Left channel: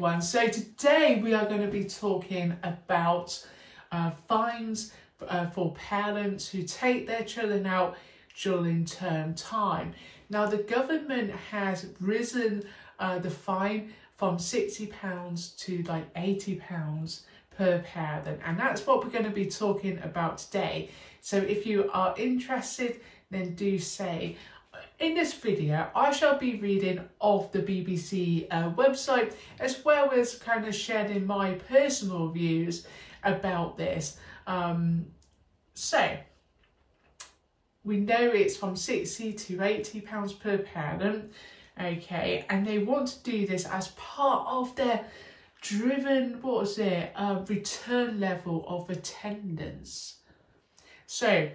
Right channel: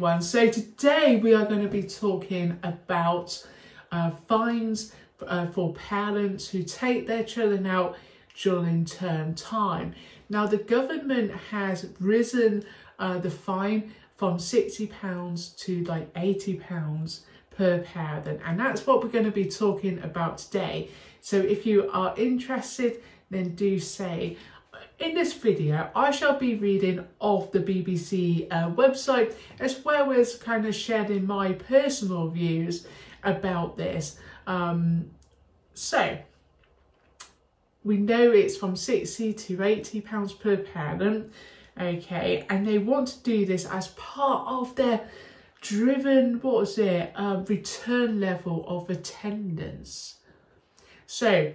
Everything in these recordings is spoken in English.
everyone. So today we are going to be talking about fines for parents who take their children out during term time. Now the government has risen the fine from £60 to like £80 per parent, and that's what we're going to be talking about today. So if you are interested, then do say. In this video, I shall be reading off the BBC website, as well as kind of sharing my personal views about this. So we know it's from £60 to £80 per parent, okay, and they want to do this as part of their driven, return level of attendance. So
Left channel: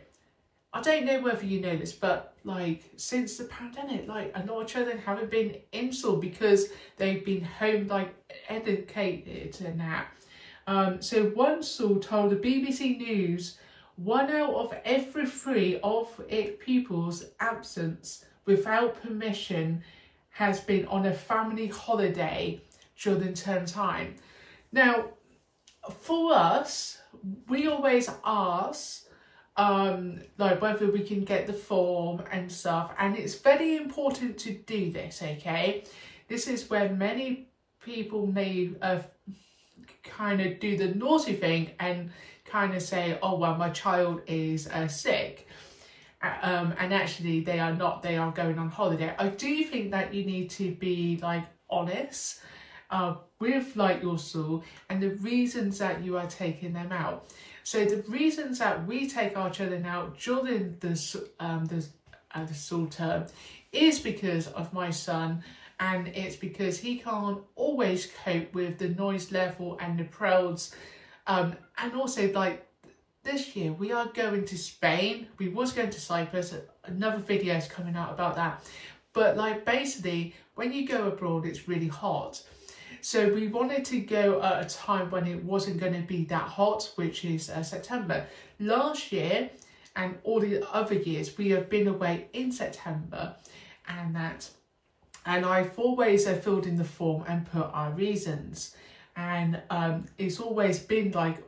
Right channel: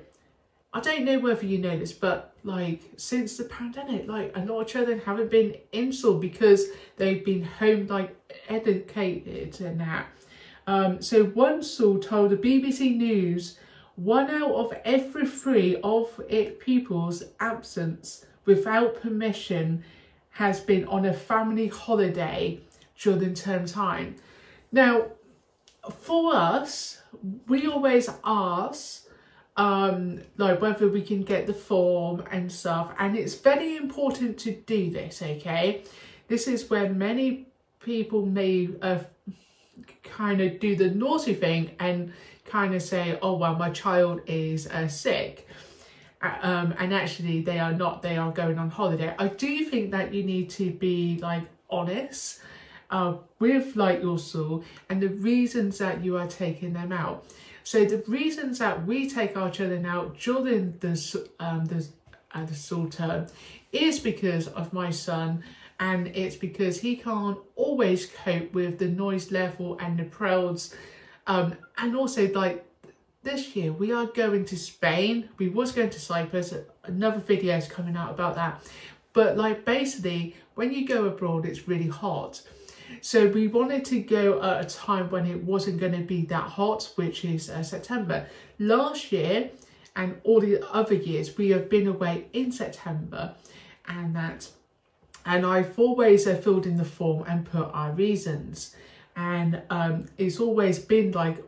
I don't know whether you know this, but like since the pandemic, like a lot of children haven't been in school because they've been home like educated and that. So one school told the BBC News 1 out of every 3 of its pupils' absence without permission has been on a family holiday during term time. Now, for us, we always ask like whether we can get the form and stuff, and it's very important to do this, okay? This is where many people may kind of do the naughty thing and kind of say, oh well, my child is sick, and actually they are not, they are going on holiday. I do think that you need to be like honest with like your school and the reasons that you are taking them out. So the reasons that we take our children out during the school term is because of my son, and it's because he can't always cope with the noise level and the crowds. And also like this year we are going to Spain. We was going to Cyprus. Another video is coming out about that. But like basically when you go abroad, it's really hot. So we wanted to go at a time when it wasn't going to be that hot, which is September. Last year and all the other years, we have been away in September, and I've always filled in the form and put our reasons. And it's always been like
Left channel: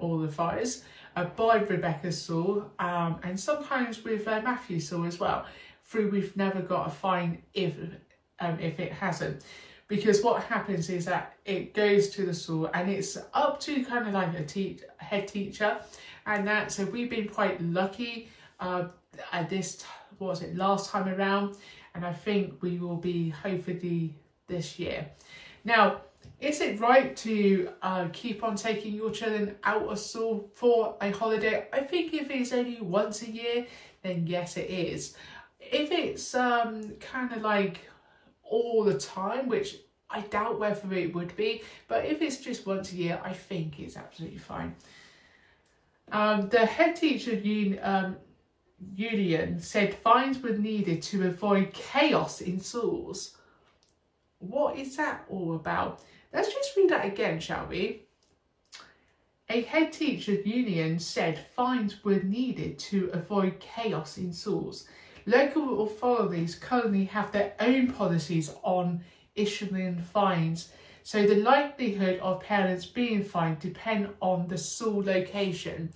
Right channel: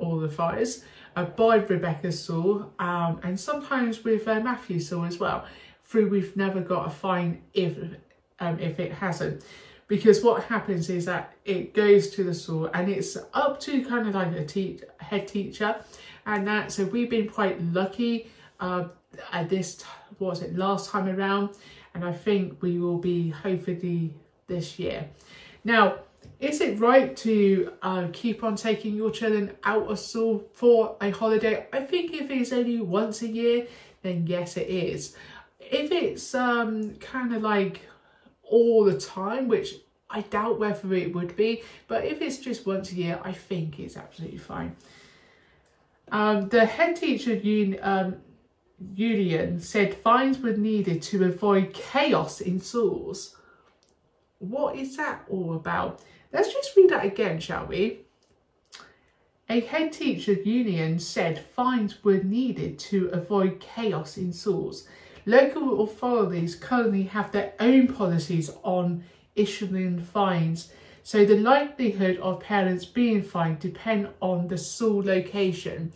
all the fires by Rebecca Saul, and sometimes with Matthew Saul as well. We've never got a fine if it hasn't. Because what happens is that it goes to the school and it's up to kind of like a head teacher and that. So we've been quite lucky at this, last time around. And I think we will be hopefully this year. Now, is it right to keep on taking your children out of school for a holiday? I think if it's only once a year, then yes, it is. If it's kind of like all the time, which I doubt whether it would be, but if it's just once a year, I think it's absolutely fine. The head teacher union said fines were needed to avoid chaos in schools. What is that all about? Let's just read that again, shall we? A head teacher union said fines were needed to avoid chaos in schools. Local authorities currently have their own policies on issuing fines, so the likelihood of parents being fined depend on the school location.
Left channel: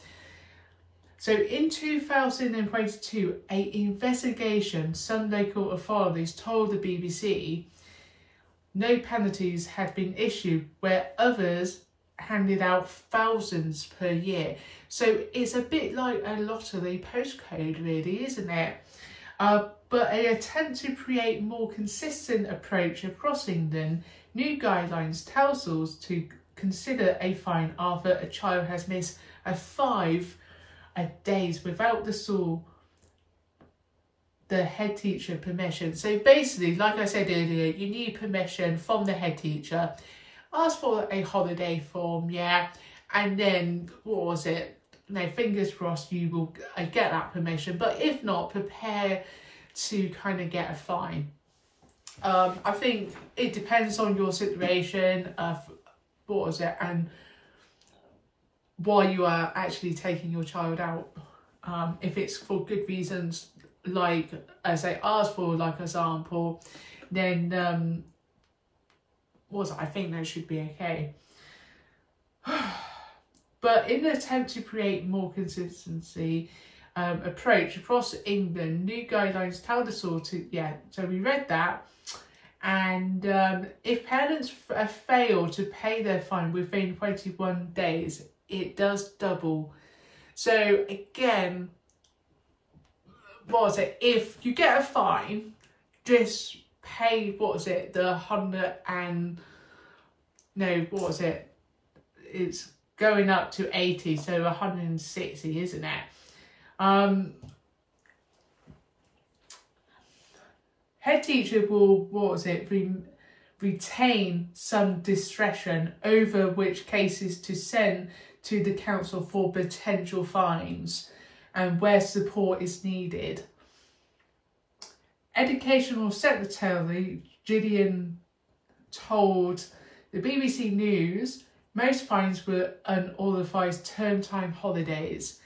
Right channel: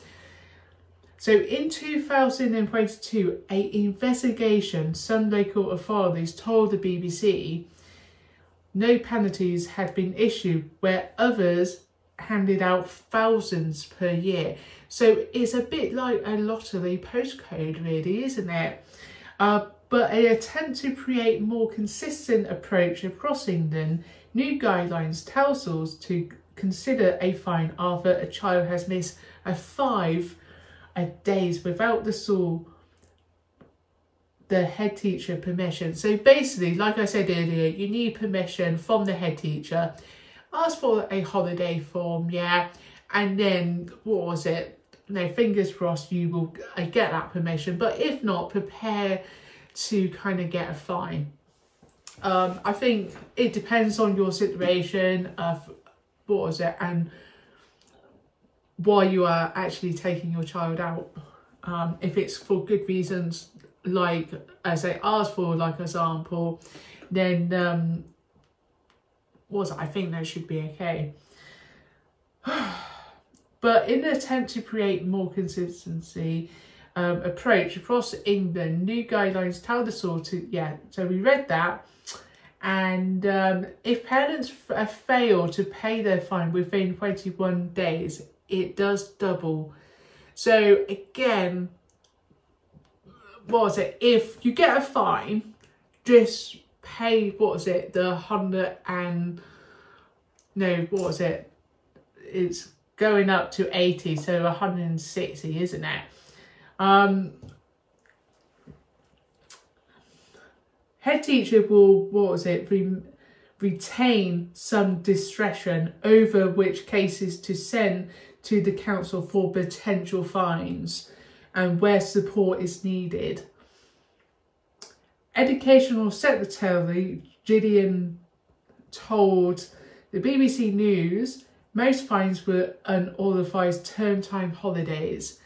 So in 2022, an investigation some local authorities told the BBC no penalties had been issued, where others handed out thousands per year. So it's a bit like a lottery postcode, really, isn't it? But an attempt to create more consistent approach across England, new guidelines tell schools to consider a fine after a child has missed 5 days without the head teacher permission. So basically, like I said earlier, you need permission from the head teacher. Ask for a holiday form, yeah, and then fingers crossed you will get that permission, but if not, prepare to kind of get a fine. I think it depends on your situation of and why you are actually taking your child out. If it's for good reasons, like as I asked for, like example, then I think that should be okay. But in an attempt to create more consistency approach across England, new guidelines tell the school to, so we read that. And if parents fail to pay their fine within 21 days, it does double. So again, if you get a fine, just pay, the 100 and, no, it's going up to 80, so 160, isn't it? Head teacher will, retain some discretion over which cases to send to the council for potential fines and where support is needed. Educational Secretary Gillian told the BBC News most fines were unauthorised term time holidays.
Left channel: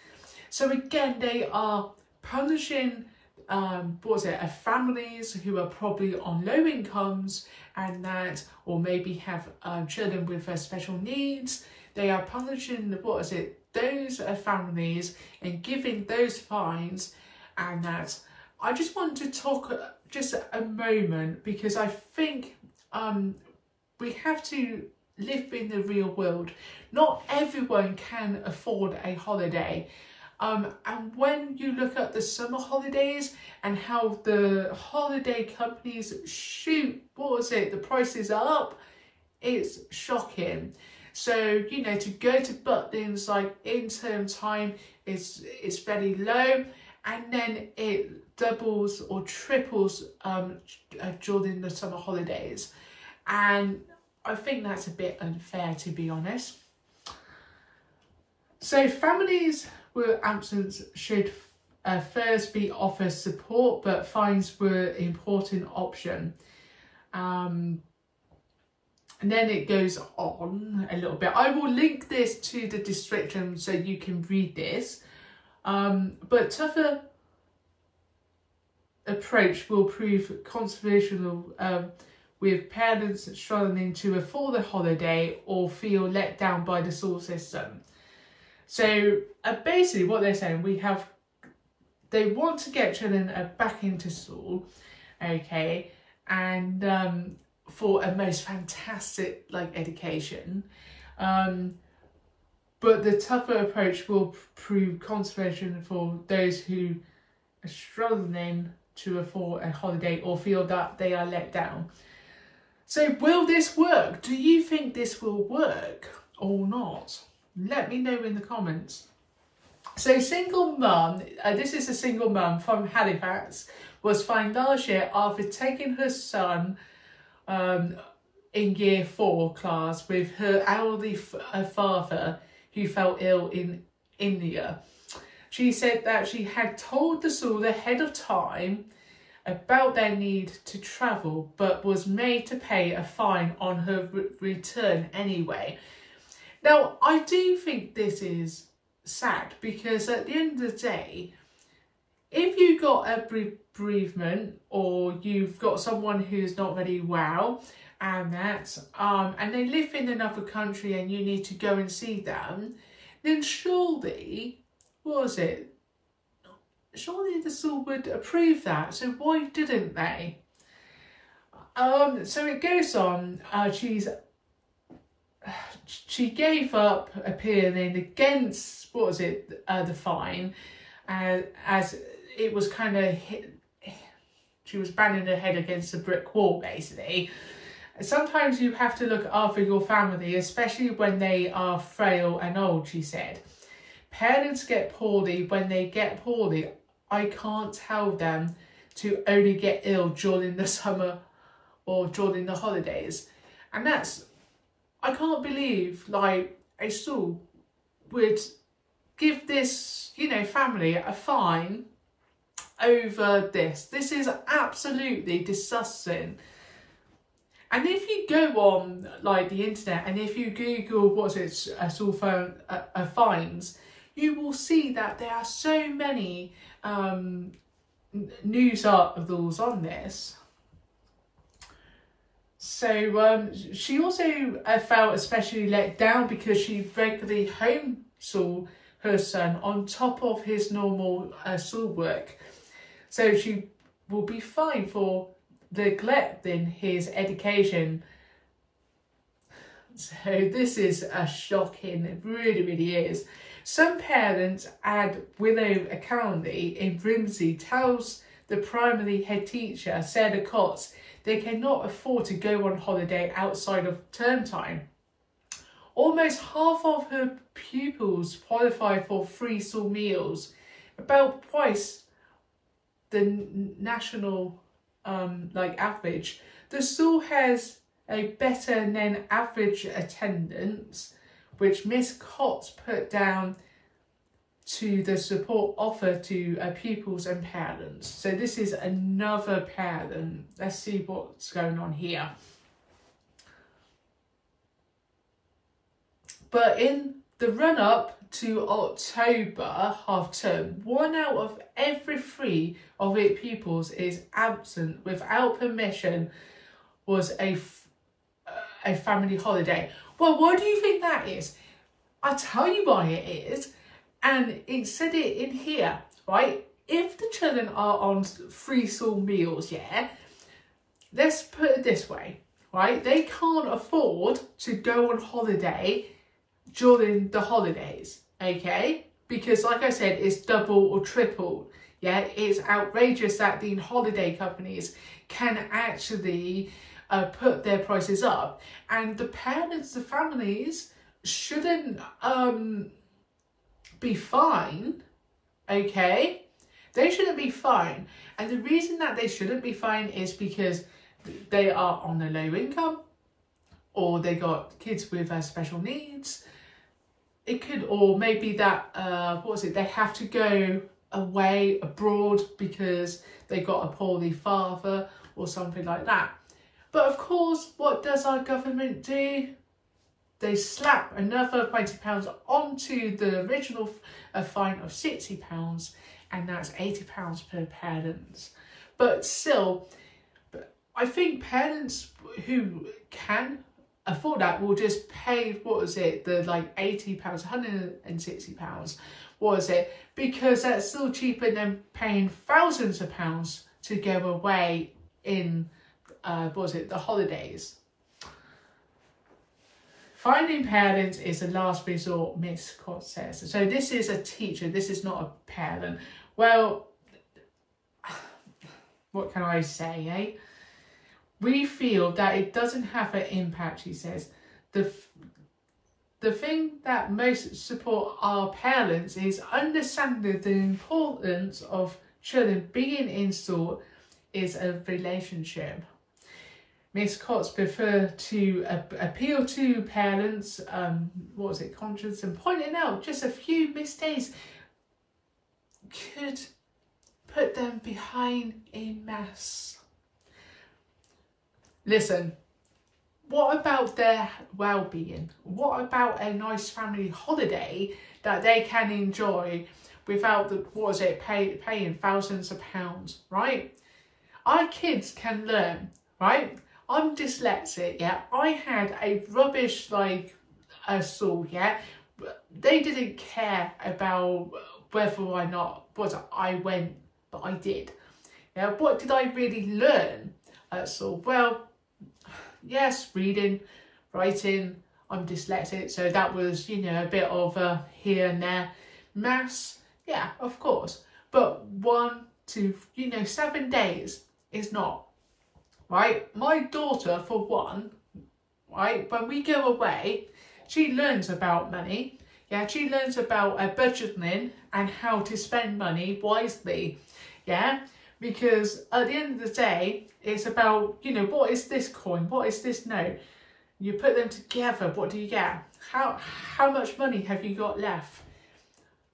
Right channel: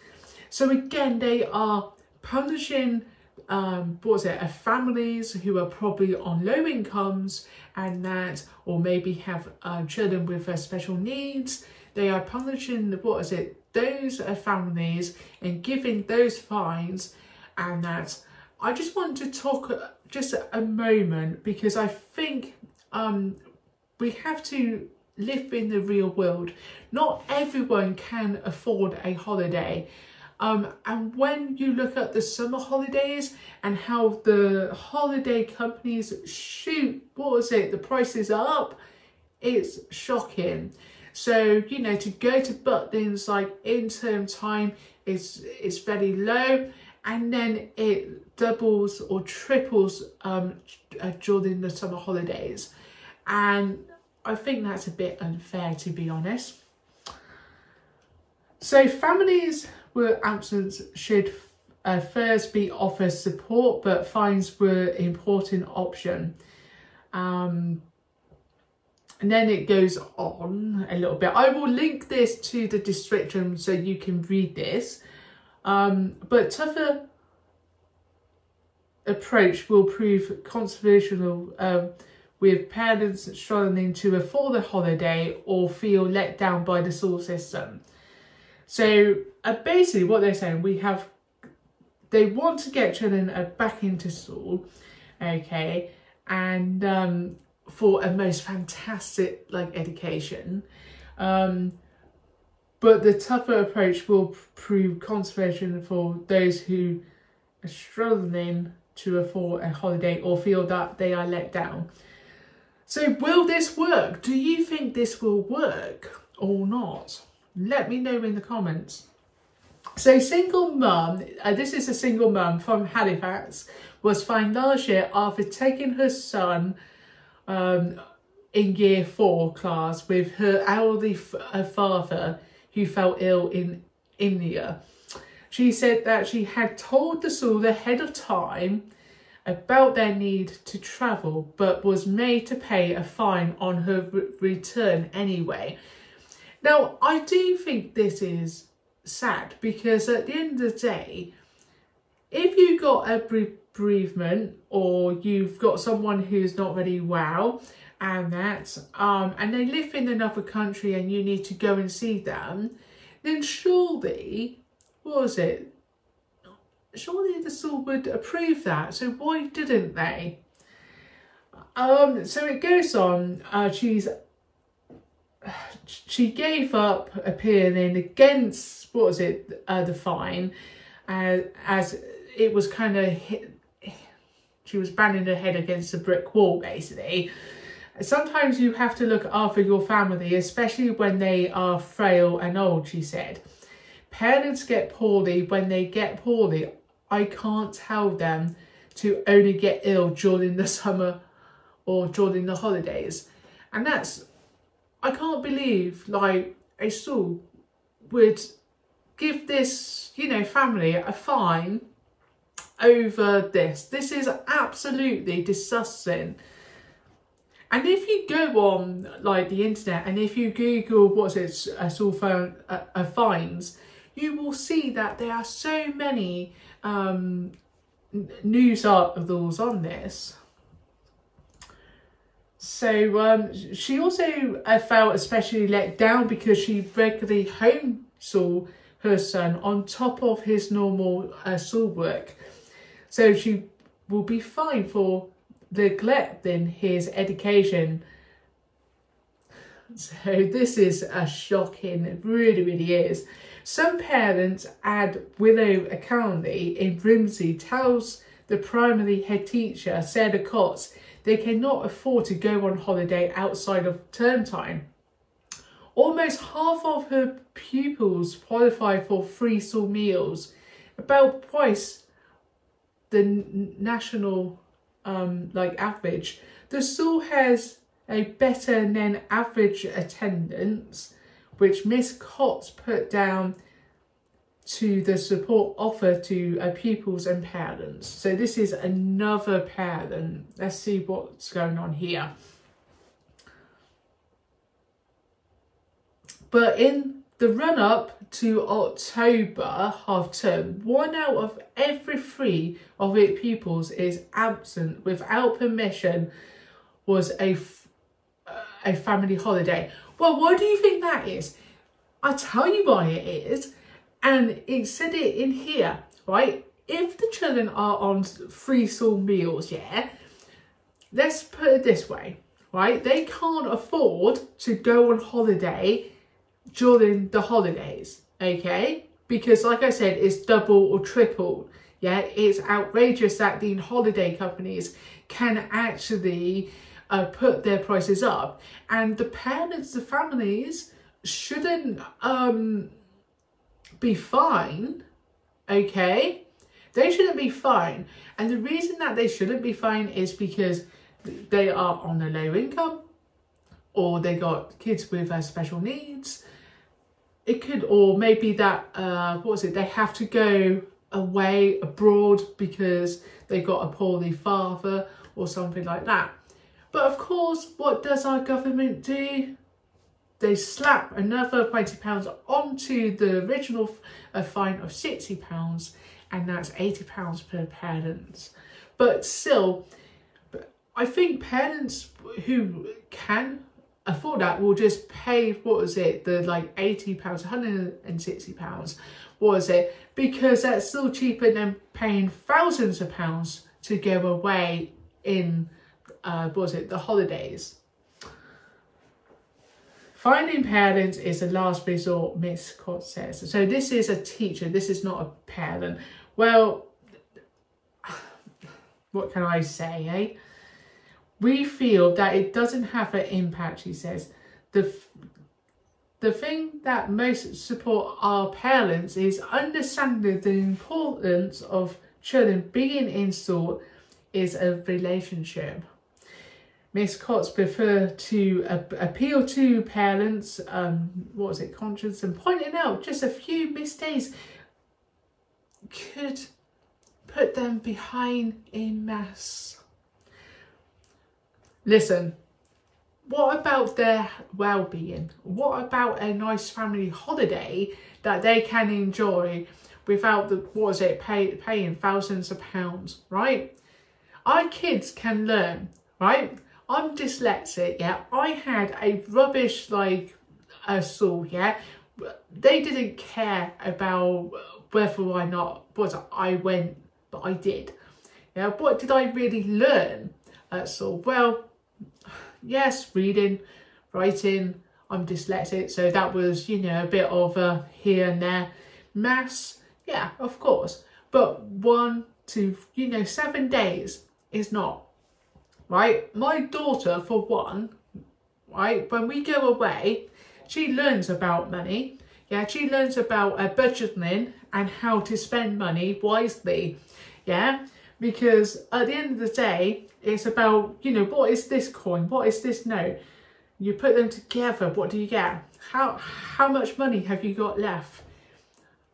So again, they are punishing families who are probably on low incomes and that, or maybe have children with special needs. They are punishing those families and giving those fines. And that, I just want to talk just a moment, because I think we have to live in the real world. Not everyone can afford a holiday. And when you look at the summer holidays and how the holiday companies shoot, the prices are up, it's shocking. So, to go to Butlins like in term time is very low, and then it doubles or triples during the summer holidays. And I think that's a bit unfair, to be honest. So families with absence should first be offered support, but fines were an important option. And then it goes on a little bit. I will link this to the description so you can read this. But tougher approach will prove controversial with parents struggling to afford a holiday or feel let down by the school system. So basically what they're saying, they want to get children back into school, okay, and for a most fantastic education, but the tougher approach will prove conservation for those who are struggling to afford a holiday or feel that they are let down. So will this work? Do you think this will work or not? Let me know in the comments. So single mum, this is a single mum from Halifax, was fined last year after taking her son in year 4 class with her elderly father who fell ill in India. She said that she had told the school ahead of time about their need to travel, but was made to pay a fine on her return anyway. Now, I do think this is sad, because at the end of the day, if you got a bereavement or you've got someone who's not very well and that, and they live in another country and you need to go and see them, then surely, surely the school would approve that. So why didn't they? So it goes on. She gave up appealing against the fine, as it was kind of she was banging her head against a brick wall, basically. Sometimes you have to look after your family, especially when they are frail and old, she said. Parents get poorly when they get poorly. I can't tell them to only get ill during the summer or during the holidays. And that's, I can't believe a school would give this, family a fine over this. This is absolutely disgusting. And if you go on the internet and if you Google school fines, you will see that there are so many news articles on this. So she also felt especially let down because she regularly homeschooled her son on top of his normal schoolwork. So she will be fined for neglecting his education. So this is a shocking, it really, really is. Some parents at Willow Academy in Grimsby tells the primary head teacher, Sarah Cox, they cannot afford to go on holiday outside of term time. Almost half of her pupils qualify for free school meals, about twice the national average. The school has a better than average attendance, which Miss Cox put down to the support offered to pupils and parents. So this is another parent. Let's see what's going on here. But in the run-up to October half term, 1 out of every 3 of its pupils is absent without permission was a family holiday. Well, why do you think that is? I'll tell you why it is. And it said it in here, right? If the children are on free school meals, yeah, let's put it this way, right? They can't afford to go on holiday during the holidays, okay? Because like I said, it's double or triple. Yeah, it's outrageous that the holiday companies can actually put their prices up, and the parents, the families shouldn't be fined, okay? They shouldn't be fined. And the reason that they shouldn't be fined is because they are on a low income, or they got kids with special needs. It could, or maybe that, they have to go away abroad because they got a poorly father or something like that. But of course, what does our government do? They slap another £20 onto the original fine of £60, and that's £80 per parent. But still, I think parents who can afford that will just pay, the £80, £160, because that's still cheaper than paying thousands of pounds to go away in, the holidays. Finding parents is a last resort, Miss Cox says. So this is a teacher, this is not a parent. Well, what can I say, eh? We feel that it doesn't have an impact, she says. The thing that most support our parents is understanding the importance of children being in school is a relationship. Miss Cox preferred to appeal to parents, conscience, and pointing out just a few mistakes could put them behind a mess. Listen, what about their well-being? What about a nice family holiday that they can enjoy without paying thousands of pounds, right? Our kids can learn, right? I'm dyslexic, yeah. I had a rubbish school, yeah. They didn't care about whether or not I went, but I did. Yeah, what did I really learn at school? Well, yes, reading, writing. I'm dyslexic, so that was, a bit of here and there. Maths, yeah, of course. But 1 to 7 days is not. Right, my daughter, for one, right, when we go away, she learns about money. Yeah, she learns about budgeting and how to spend money wisely. Yeah, because at the end of the day, it's about, what is this coin? What is this note? You put them together, what do you get? How much money have you got left?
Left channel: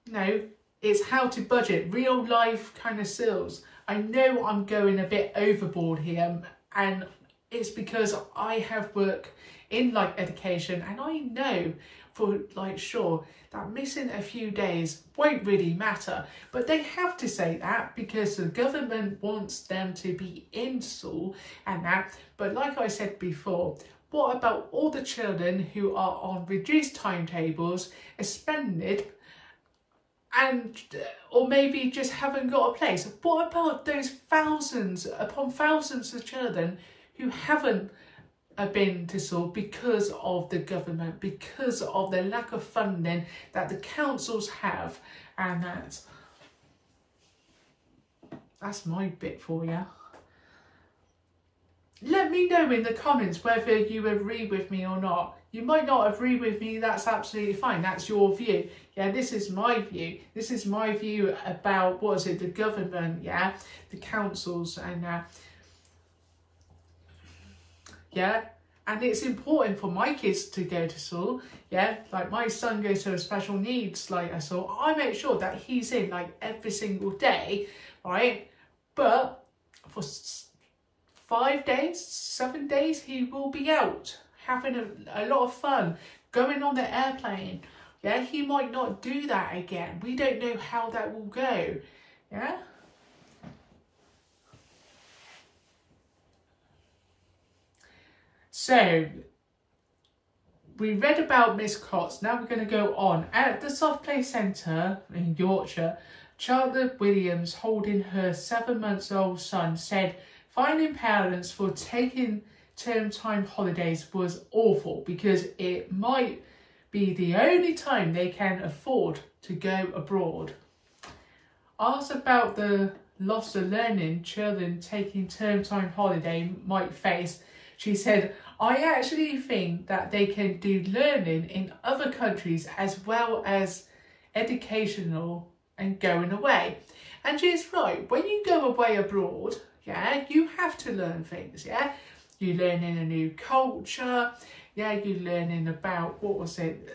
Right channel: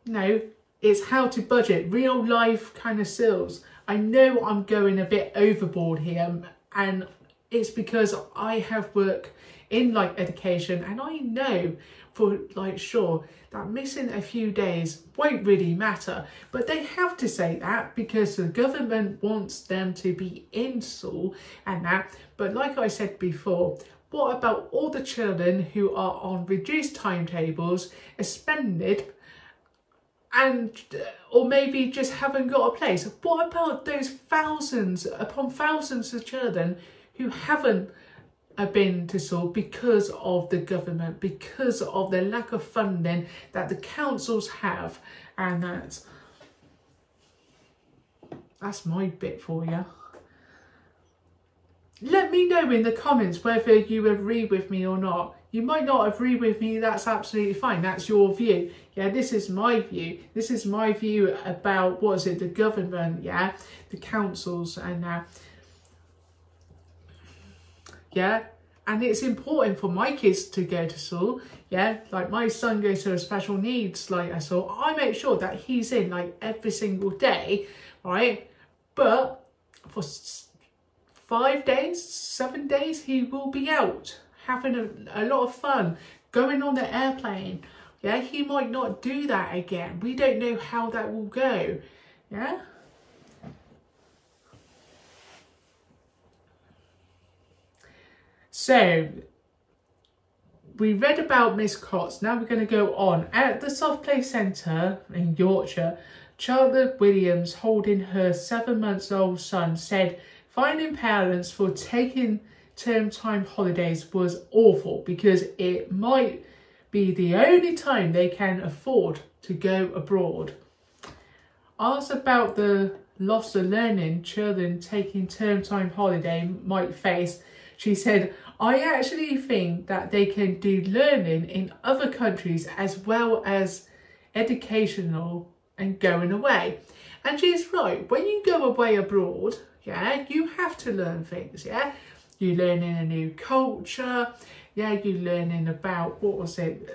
No, it's how to budget, real life kind of skills. I know I'm going a bit overboard here, and it's because I have worked in like education, and I know for like sure that missing a few days won't really matter, but they have to say that because the government wants them to be in school and that. But like I said before, what about all the children who are on reduced timetables, suspended, and or maybe just haven't got a place? What about those thousands upon thousands of children who haven't been to school because of the government, because of the lack of funding that the councils have? And that's my bit for you. Let me know in the comments whether you agree with me or not. You might not agree with me, that's absolutely fine. That's your view. Yeah, this is my view. This is my view about, what is it, the government, yeah, the councils and yeah. And it's important for my kids to go to school, yeah. Like my son goes to a special needs like school. I make sure that he's in like every single day, right? But for 5 days, 7 days, he will be out having a lot of fun, going on the airplane. Yeah, he might not do that again. We don't know how that will go. Yeah. So we read about Miss Cox. Now we're going to go on. At the Soft Play Centre in Yorkshire, Charlotte Williams, holding her 7-month-old son, said finding parents for taking term time holidays was awful because it might be the only time they can afford to go abroad. Asked about the loss of learning children taking term time holiday might face, she said, I actually think that they can do learning in other countries as well as educational and going away. And she's right, when you go away abroad, yeah, you have to learn things, yeah. You're learning a new culture, yeah, you're learning about, what was it,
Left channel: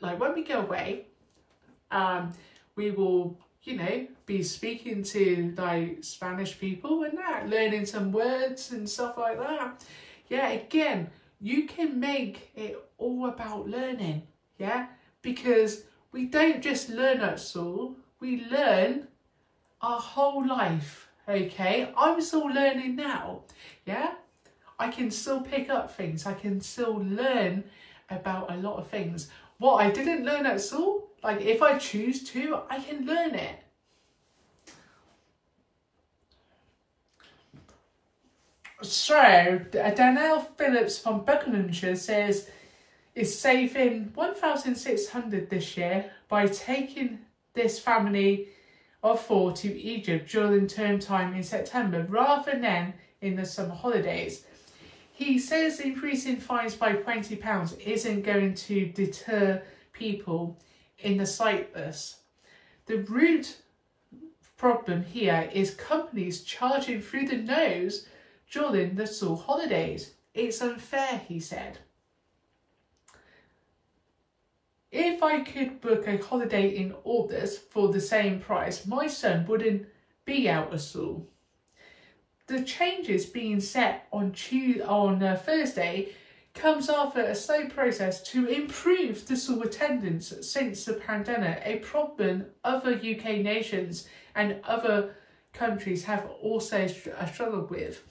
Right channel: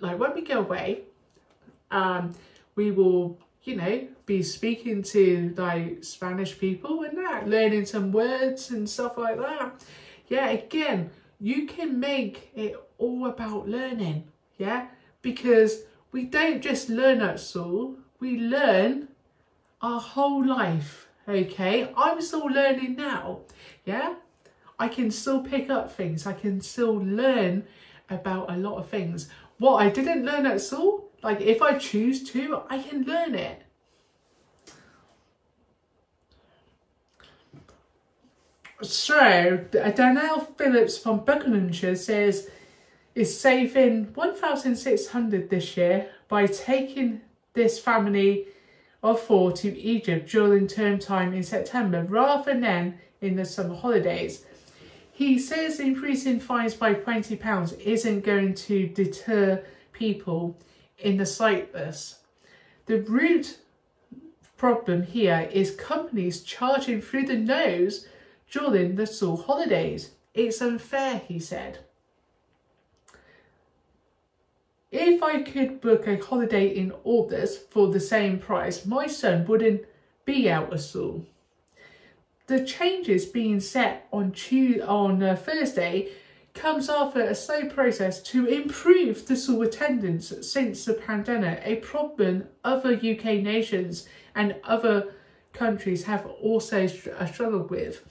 like when we go away, we will, you know, be speaking to like Spanish people and that, learning some words and stuff like that. Yeah, again, you can make it all about learning, yeah, because we don't just learn at school, we learn our whole life, okay? I'm still learning now, yeah? I can still pick up things, I can still learn about a lot of things. What I didn't learn at school, like if I choose to, I can learn it. So, Danielle Phillips from Buckinghamshire says is saving $1,600 this year by taking this family of 4 to Egypt during term time in September rather than in the summer holidays. He says increasing fines by £20 isn't going to deter people in the slightest. The root problem here is companies charging through the nose during the school holidays. It's unfair, he said. If I could book a holiday in August for the same price, my son wouldn't be out of school. The changes being set on Thursday comes after a slow process to improve the school attendance since the pandemic, a problem other UK nations and other countries have also struggled with.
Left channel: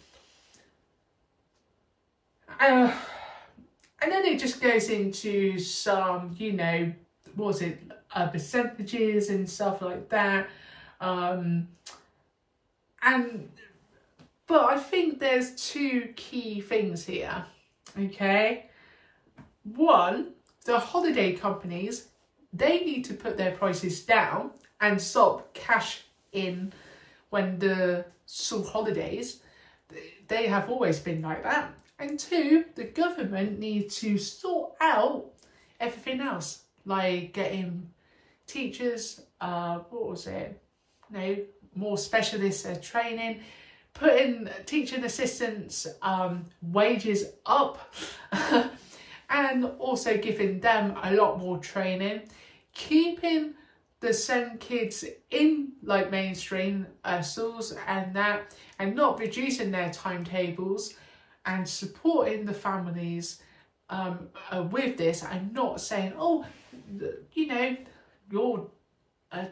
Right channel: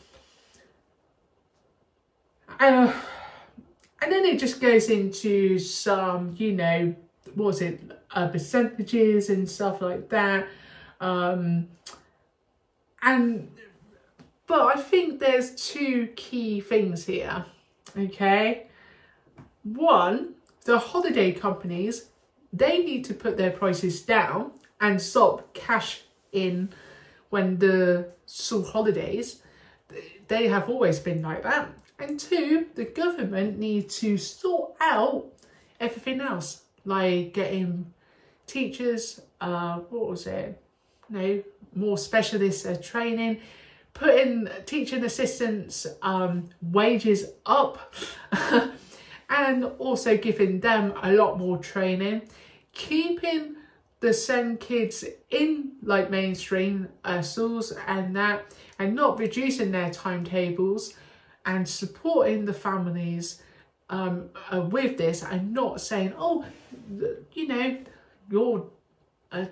And then it just goes into some, you know, what was it, percentages and stuff like that. But I think there's 2 key things here, okay? One, the holiday companies, they need to put their prices down and stop cash in when the school holidays, they have always been like that. And 2, the government needs to sort out everything else, like getting teachers, more specialist training, putting teaching assistants wages up and also giving them a lot more training, keeping the SEND kids in like mainstream schools and that, and not reducing their timetables, and supporting the families with this, and not saying, oh, you know, your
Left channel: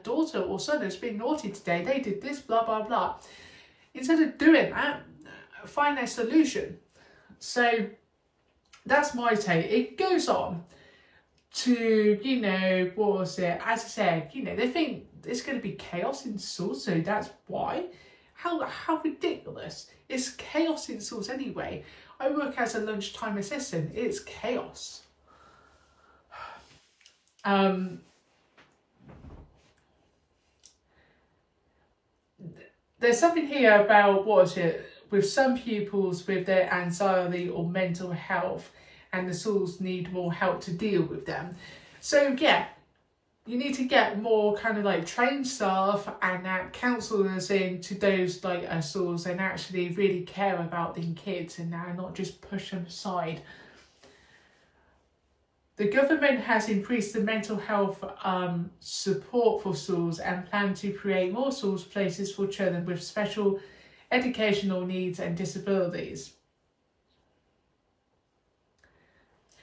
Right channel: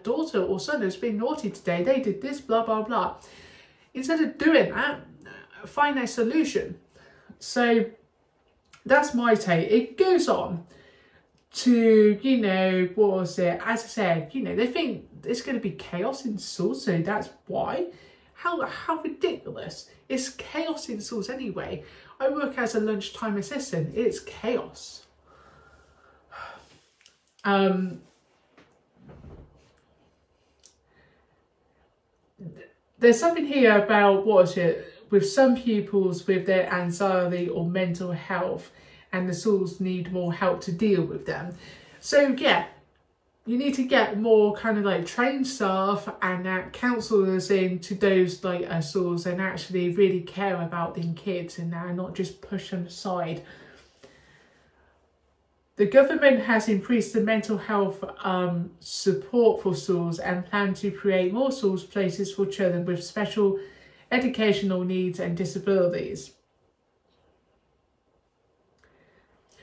daughter or son has been naughty today, they did this, blah, blah, blah. Instead of doing that, find a solution. So that's my take. It goes on to, you know, what was it? As I said, you know, they think it's going to be chaos in schools, so that's why. How ridiculous. It's chaos in schools anyway. I work as a lunchtime assistant. It's chaos. There's something here about, what is it, with some pupils with their anxiety or mental health, and the schools need more help to deal with them. So yeah, you need to get more kind of like trained staff and counsellors into those like schools, and actually really care about the kids and not just push them aside. The government has increased the mental health support for schools and plan to create more schools places for children with special educational needs and disabilities.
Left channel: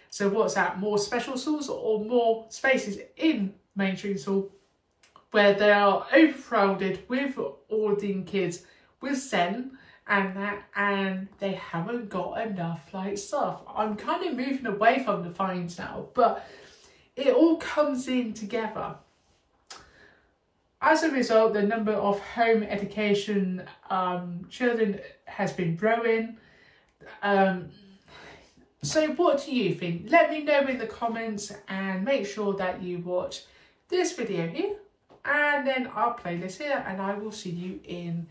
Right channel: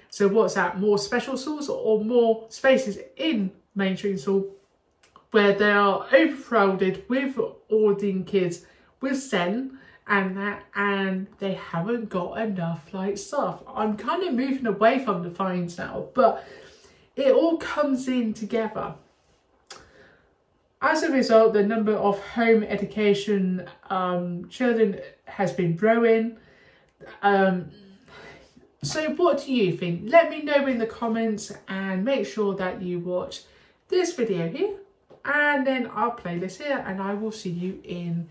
So what's that? More special schools or more spaces in mainstream school where they are overcrowded with autistic kids with SEN and they haven't got enough like stuff. I'm kind of moving away from the fines now, but it all comes in together. As a result, the number of home education children has been growing. So what do you think? Let me know in the comments, and make sure that you watch this video here, and then I'll play this here, and I will see you in